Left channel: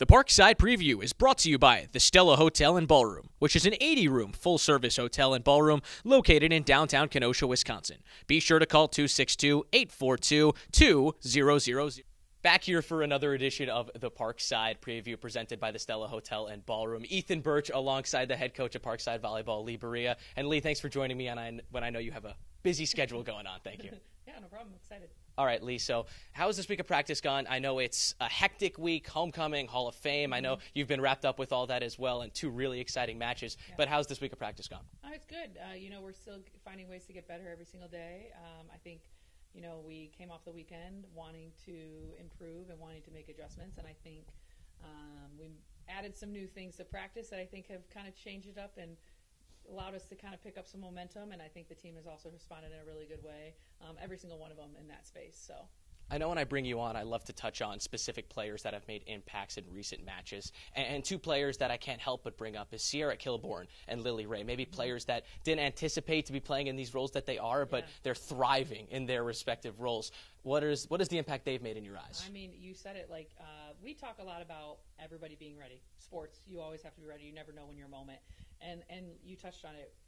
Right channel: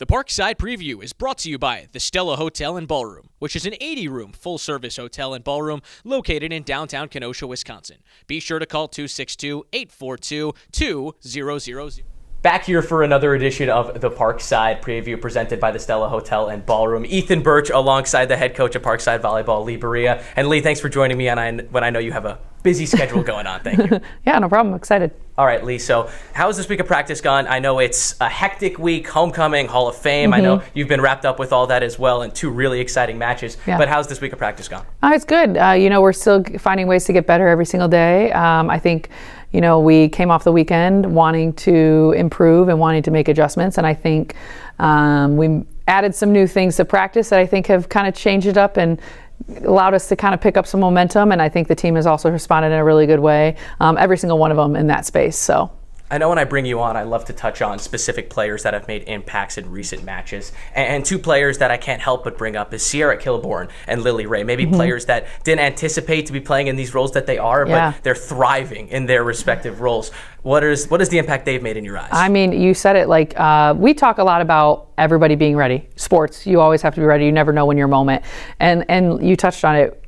The Parkside Preview is brought to you by the Stella Hotel and Ballroom, which is an 80-room full-service hotel and ballroom located in downtown Kenosha, Wisconsin. Be sure to call 262-842-2000. Back here for another edition of the Parkside Preview presented by the Stella Hotel and Ballroom. Ethan Birch alongside the head coach of Parkside Volleyball, Leigh Barea. And Leigh, thanks for joining me when I know you have a busy schedule going on. Thank you. Yeah, no problem. I'm excited. All right, Leigh, so how has this week of practice gone? I know it's a hectic week, homecoming, Hall of Fame. I know you've been wrapped up with all that as well, and two really exciting matches. Yeah. But how's this week of practice gone? It's good. We're still finding ways to get better every single day. I think, we came off the weekend wanting to improve and wanting to make adjustments, and I think we added some new things to practice that I think have kind of changed it up and allowed us to kind of pick up some momentum, and I think the team has also responded in a really good way, every single one of them in that space. So I know when I bring you on, I love to touch on specific players that have made impacts in recent matches. And two players that I can't help but bring up is Sierra Kilborn and Lily Ray. Maybe players that didn't anticipate to be playing in these roles that they are, but they're thriving in their respective roles. What is the impact they've made in your eyes? I mean, you said it, we talk a lot about everybody being ready. Sports, you always have to be ready. You never know when your moment. And you touched on it.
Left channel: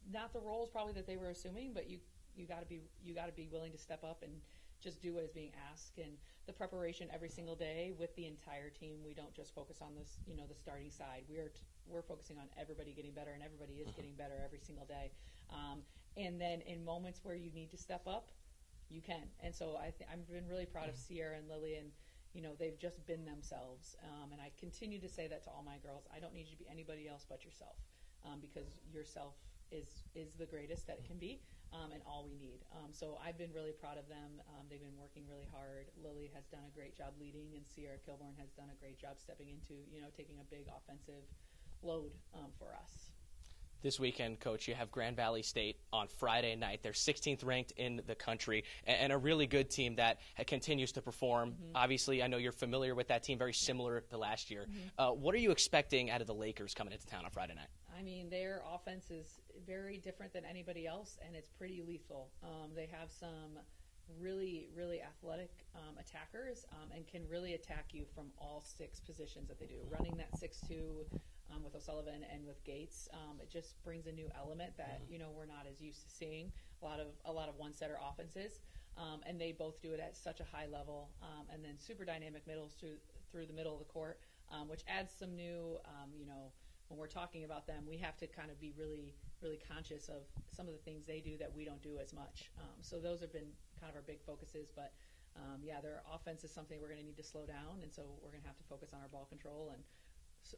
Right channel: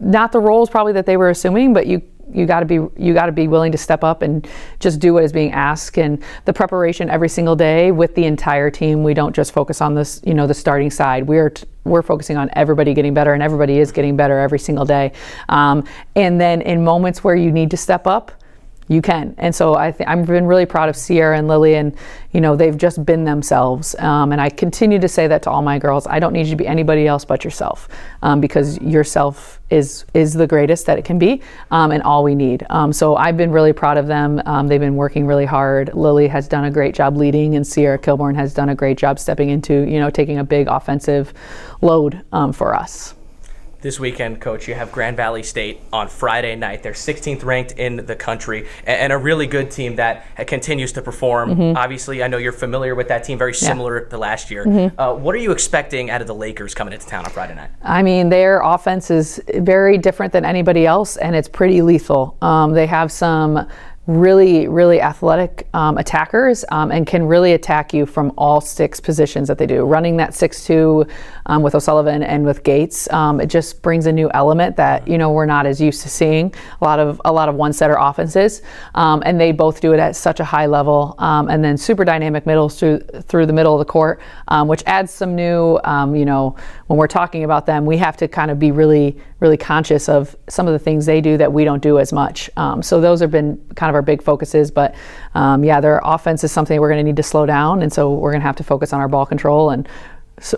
Not the roles probably that they were assuming, but you got to be willing to step up and just do what is being asked, and the preparation every single day with the entire team. We don't just focus on this, the starting side. We're focusing on everybody getting better, and everybody is getting better every single day. And then in moments where you need to step up, you can. And so I've been really proud of Sierra and Lily, and they've just been themselves. And I continue to say that to all my girls. I don't need you to be anybody else but yourself, because yourself is the greatest that it can be, and all we need. So I've been really proud of them. They've been working really hard. Lily has done a great job leading, and Sierra Kilborn has done a great job stepping into, taking a big offensive load for us. This weekend, Coach, you have Grand Valley State on Friday night. They're 16th ranked in the country, and a really good team that continues to perform. Obviously, I know you're familiar with that team, very similar to last year. What are you expecting out of the Lakers coming into town on Friday night? I mean, their offense is very different than anybody else, and it's pretty lethal. They have some really, really athletic attackers, and can really attack you from all 6 positions that they do. Running that 6-2 with O'Sullivan and with Gates, it just brings a new element that we're not as used to seeing. A lot of one-setter offenses, and they both do it at such a high level, and then super dynamic middles through the middle of the court, which adds some new. When we're talking about them, we have to kind of be really, really conscious of some of the things they do that we don't do as much. So those have been kind of our big focuses, but their offense is something we're going to need to slow down, and so we're going to have to focus on our ball control, and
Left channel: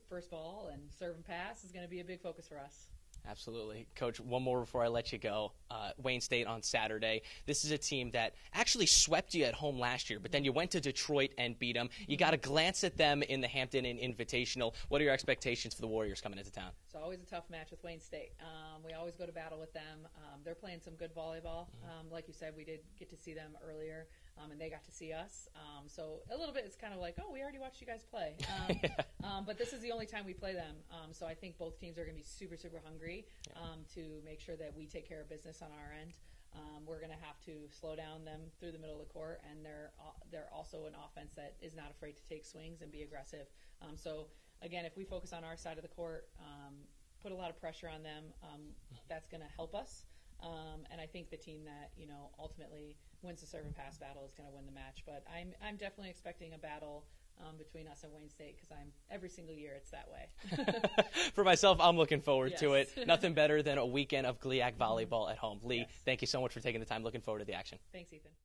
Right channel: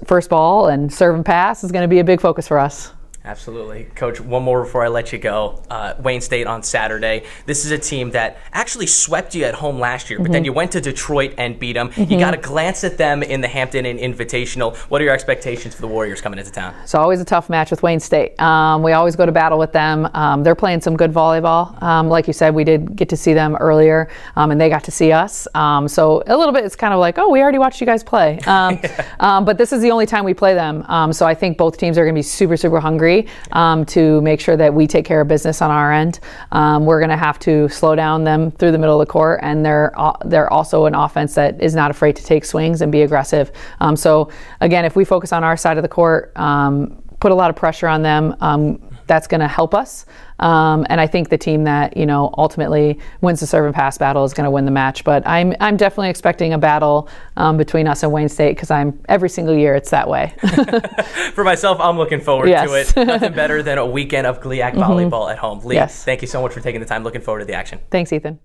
first ball and serve and pass is going to be a big focus for us. Absolutely. Coach, one more before I let you go. Wayne State on Saturday. This is a team that actually swept you at home last year, but then you went to Detroit and beat them. You got a glance at them in the Hampton and Invitational. What are your expectations for the Warriors coming into town? It's always a tough match with Wayne State. We always go to battle with them. They're playing some good volleyball. Like you said, we did get to see them earlier, and they got to see us. So a little bit, it's kind of like, oh, we already watched you guys play. But this is the only time we play them. So I think both teams are going to be super, super hungry to make sure that we take care of business on our end. We're going to have to slow down them through the middle of the court, and they're also an offense that is not afraid to take swings and be aggressive. So again, if we focus on our side of the court, put a lot of pressure on them, that's going to help us. And I think the team that ultimately wins the serve and pass battle is going to win the match. But I'm definitely expecting a battle between us and Wayne State, because every single year it's that way. For myself, I'm looking forward to it. Nothing better than a weekend of GLIAC volleyball at home. Leigh, thank you so much for taking the time. Looking forward to the action. Thanks, Ethan.